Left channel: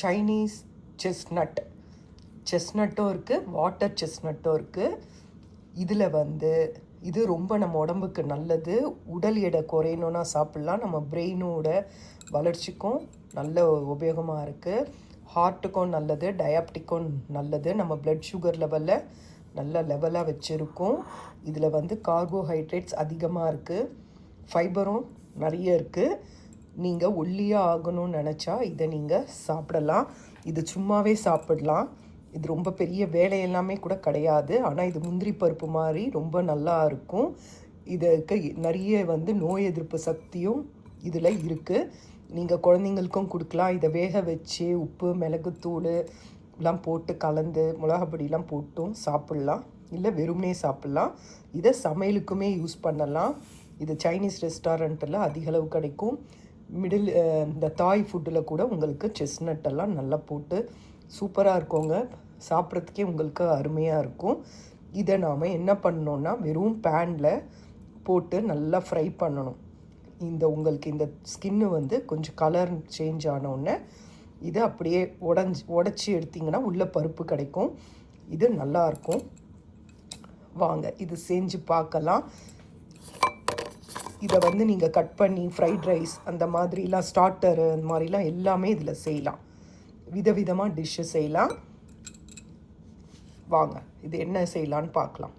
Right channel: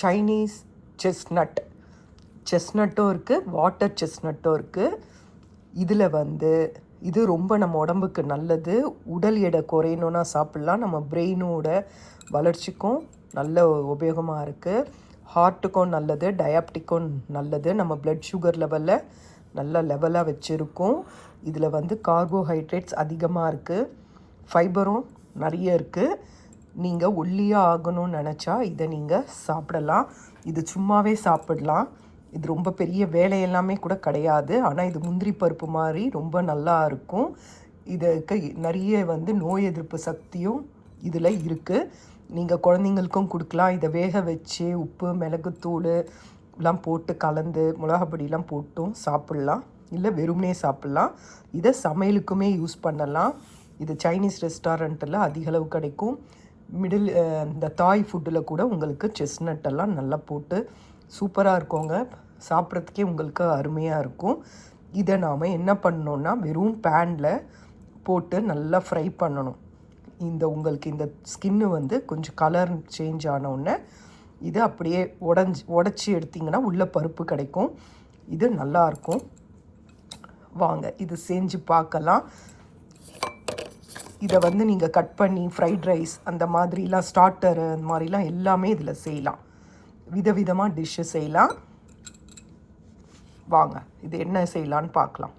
Chinese செஸ்னட்டும் இருக்குது, water செஸ்னட்டும் இருக்குது. இதில் வந்து இது ரொம்ப நம்ம உடம்புக்கு நல்லது. உடல் எடை குறையணுன்னா சாப்பிட்லாம். நம்ம பிரெயினோட வளர்ச்சிக்கும் நல்ல உபயோகமாக இருக்குது. ஹார்ட்டுக்கும் நல்லது, டயாபெட்டிக்கும் நல்லது. நம்ம பிளட் சுகர் லெவலில் நல்ல லெவலாக வச்சுருக்கோம். இதில் வந்து கார்போஹைட்ரேட்ஸ் அதிகமாக இருக்குது, ஃபைபரும் நிறைய இருக்குது. நீங்கள் ஒல்லியாக ஆகணும்னு நினச்சா இதை நீங்கள் சாப்பிடலாம். இது சும்மாவே சாப்பிடலாம். இது ரொம்ப பெரிய வேலையெல்லாமே கூட கிடையாது. ஆனால் இது முந்திரி பருப்பு மாதிரி ரொம்ப நல்லா இருக்கும். இதுக்கு நிறைய வந்து நோய் எதிர்ப்பு சக்தியும் இதில் இருக்குது. நீங்கள் குழந்தைங்களுக்கும் கொடுக்கலாம். இதை வேக வச்சு உப்பு மிளகுத்தூள் எல்லாம் போட்டு கலந்து மிளகாப்பொடியெலாம் போட்டும் சாப்பிட்லாம், இல்லை வெறுமனே சாப்பிட்லாம். இதை சமையலுக்குமே யூஸ் பண்ணலாம். இது சைனீஸ் ரெஸ்டாரண்ட்டில் அதிகளவு கிடைக்கும். இந்த தாய் ஃபுட்டில் கூட உங்களுக்கு செஸ்னட்டெல்லாம் நல்லா போட்டு சூப்பராக இருக்குங்க. சாப்பிட்றதுக்கே உங்களுக்கு அருமையாக இருக்கும். இதை நாம் என்ன பண்ணணுன்னா வெறும் பேனில் போட்டு நல்லா ஃப்ரை பண்ணணும். உங்களுக்கு இந்த ஸ்கின்னு வந்து கொஞ்சம் கலர் சேஞ்ச் ஆனோடனே இது அப்படியே உடச்சி எடுத்திங்கன்னா உள்ள பருப்பு கிடைக்கும். இது நல்லாயிருக்கும். வாங்க இது செஞ்சு பார்க்கலாம். இதை வந்து நீங்கள் கட் பண்ணி ஃப்ரைட் ரைஸ் அந்த மாதிரிலாம் ஸ்டார்டரு அந்த மாதிரிலாம் எல்லாமே இதில் செய்யலாம். விதவிதமாக டிஷ்ஷு செய்யலாம். வாங்க இது என்ன செய்யலான்னு பார்க்கலாம்.